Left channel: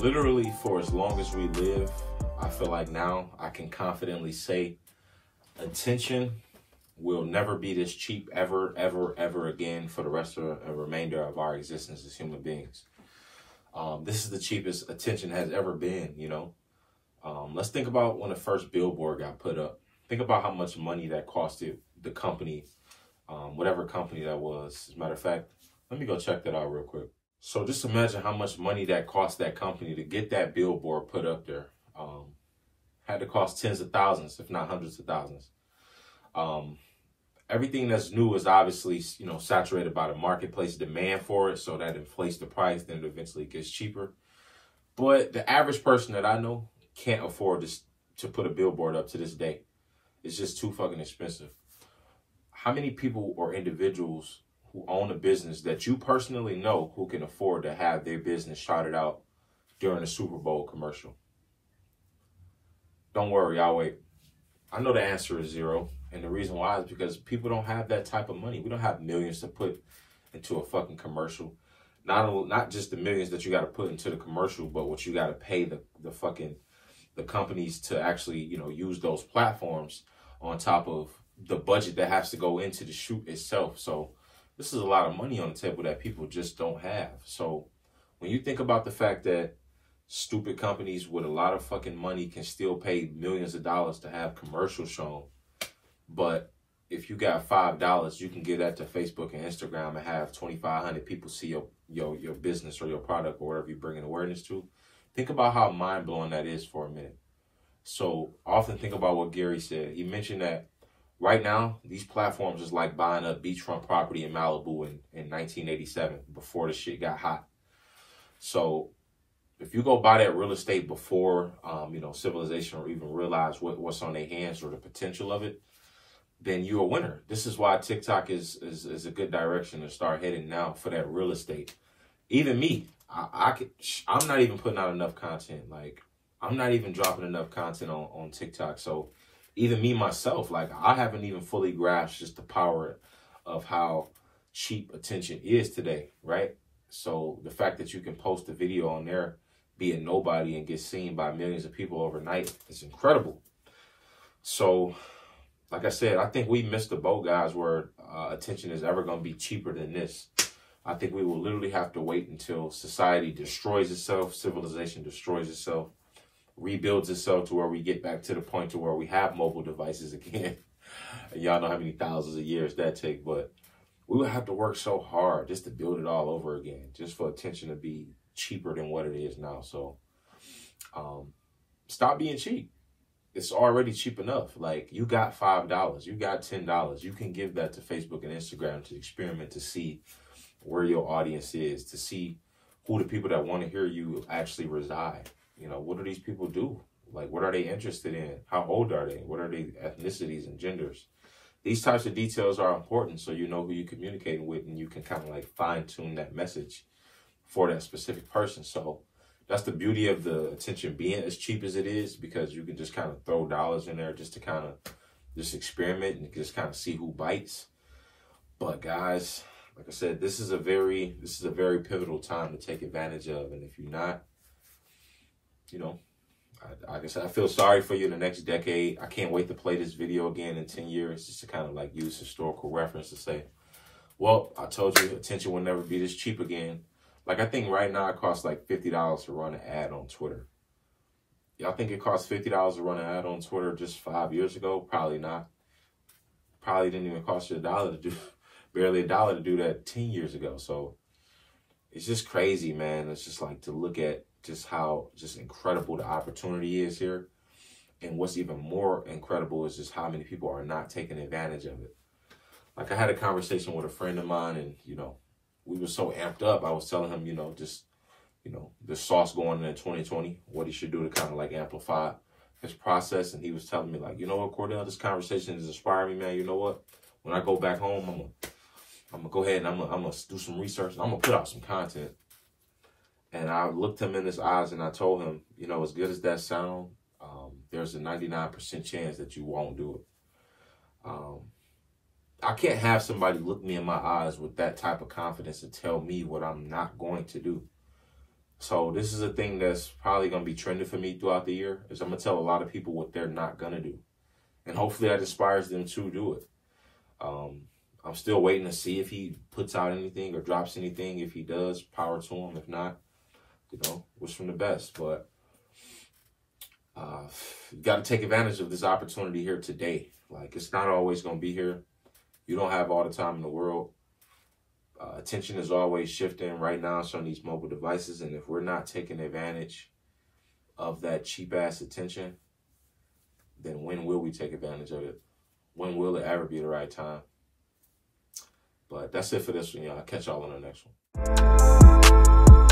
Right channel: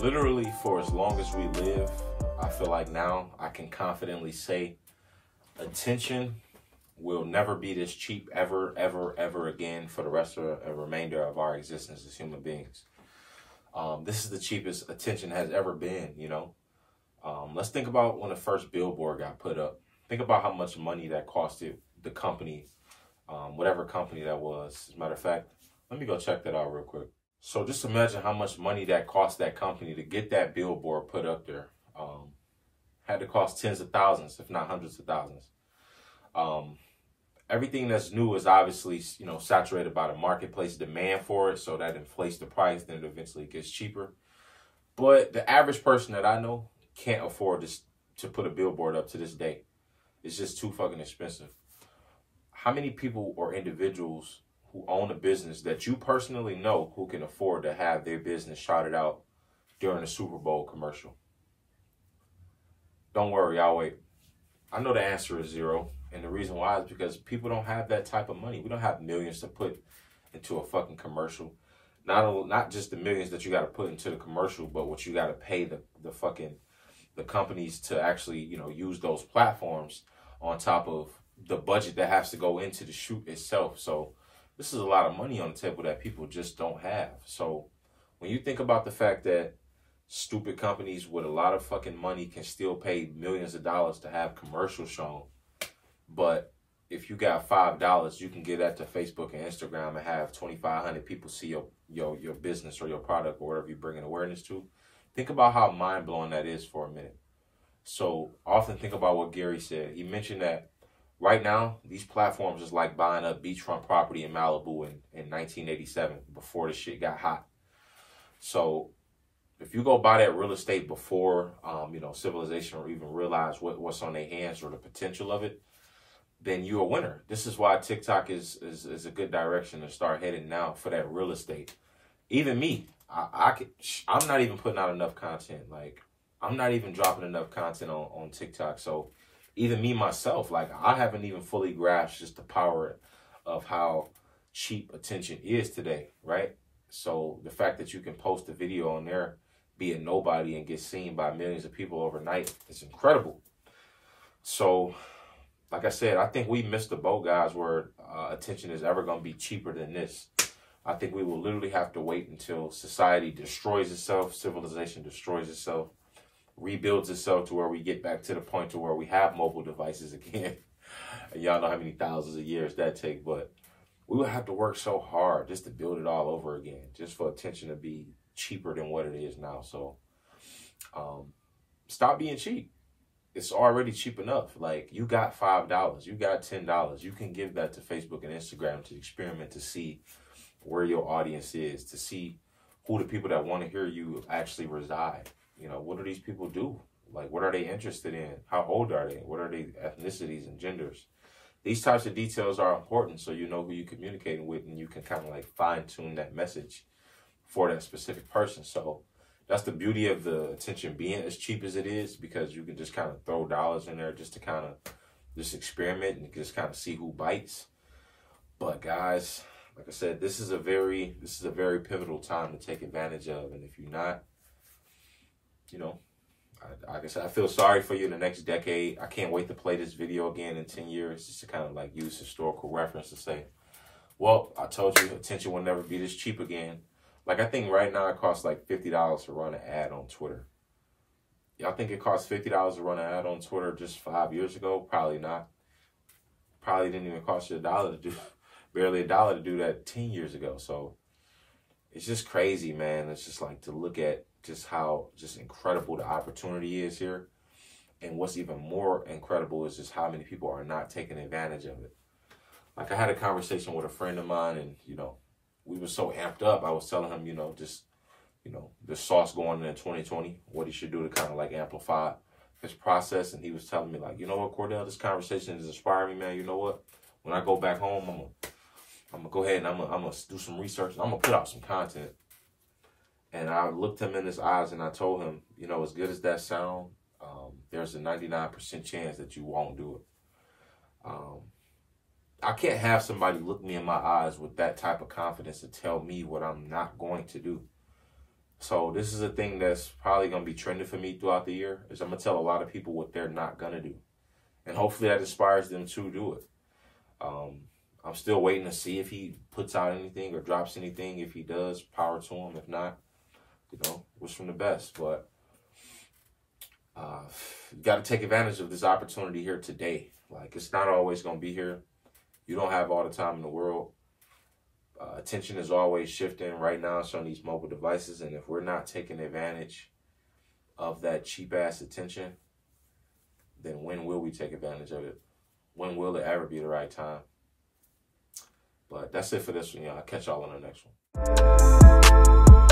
literally for as long as we live, I feel like now I can confidently say attention will never be this cheap ever, ever, ever again for the rest of the remainder of our existence as human beings. This is the cheapest attention has ever been, you know. Let's think about when the first billboard got put up. Think about how much money that costed the company, whatever company that was. As a matter of fact, let me go check that out real quick. So just imagine how much money that cost that company to get that billboard put up there. Had to cost tens of thousands, if not hundreds of thousands. Everything that's new is obviously, you know, saturated by the marketplace demand for it, so that inflates the price, then it eventually gets cheaper. But the average person that I know can't afford this, to put a billboard up to this day. It's just too fucking expensive. How many people or individuals who own a business that you personally know who can afford to have their business shouted out during a Super Bowl commercial? Don't worry, I'll wait. I know the answer is zero. And the reason why is because people don't have that type of money. We don't have millions to put into a fucking commercial. Not just the millions that you got to put into the commercial, but what you got to pay the companies to actually, you know, use those platforms on top of the budget that has to go into the shoot itself. So this is a lot of money on the table that people just don't have. So when you think about the fact that stupid companies with a lot of fucking money can still pay millions of dollars to have commercials shown, but if you got $5, you can give that to Facebook and Instagram and have 2,500 people see your business or your product or whatever you're bringing awareness to. Think about how mind-blowing that is for a minute. So often think about what Gary said. He mentioned that right now, these platforms is like buying a beachfront property in Malibu in 1987 before the shit got hot. So if you go buy that real estate before, you know, civilization or even realize what's on their hands or the potential of it, then you're a winner. This is why TikTok is a good direction to start heading now for that real estate. Even me, I'm not even putting out enough content. Like, I'm not even dropping enough content on TikTok. So even me myself, like, I haven't even fully grasped just the power of how cheap attention is today, right? So the fact that you can post a video on there, be a nobody, and get seen by millions of people overnight is incredible. So like I said, I think we missed the boat, guys, where attention is ever going to be cheaper than this. I think we will literally have to wait until society destroys itself, civilization destroys itself, rebuilds itself to where we get back to the point to where we have mobile devices again. And y'all know how many thousands of years that take, but we would have to work so hard just to build it all over again, just for attention to be cheaper than what it is now. So stop being cheap. It's already cheap enough. Like, you got $5, you got $10. You can give that to Facebook and Instagram to experiment, to see where your audience is, to see who the people that want to hear you actually reside. You know, what do these people do? Like, what are they interested in? How old are they? What are their ethnicities and genders? These types of details are important so you know who you're communicating with, and you can kind of like fine tune that message for that specific person. So that's the beauty of the attention being as cheap as it is, because you can just kind of throw dollars in there just to kind of just experiment and just kind of see who bites. But guys, like I said, this is a very pivotal time to take advantage of. And if you're not, you know, like I said, I feel sorry for you in the next decade. I can't wait to play this video again in 10 years just to kind of like use historical reference to say, well, I told you attention will never be this cheap again. Like, I think right now it costs like $50 to run an ad on Twitter. Y'all think it costs $50 to run an ad on Twitter just 5 years ago? Probably not. Probably didn't even cost you $1 to do, barely $1 to do that 10 years ago. So it's just crazy, man. It's just like to look at just how just incredible the opportunity is here. And what's even more incredible is just how many people are not taking advantage of it. Like, I had a conversation with a friend of mine, and, you know, we were so amped up. I was telling him, you know, just, you know, the sauce going in 2020, what he should do to kind of like amplify his process. And he was telling me, like, you know what, Cordell, this conversation is inspiring me, man. You know what? When I go back home, I'm gonna go ahead and I'm gonna do some research. And I'm gonna put out some content. And I looked him in his eyes and I told him, you know, as good as that sound, there's a 99% chance that you won't do it. I can't have somebody look me in my eyes with that type of confidence and tell me what I'm not going to do. So this is a thing that's probably going to be trending for me throughout the year, is I'm going to tell a lot of people what they're not going to do. And hopefully that inspires them to do it. I'm still waiting to see if he puts out anything or drops anything. If he does, power to him. If not, you know, wish him the best. But you got to take advantage of this opportunity here today. Like, it's not always going to be here. You don't have all the time in the world. Attention is always shifting. Right now it's on these mobile devices. And if we're not taking advantage of that cheap-ass attention, then when will we take advantage of it? When will it ever be the right time? But that's it for this one, y'all. I'll catch y'all on the next one.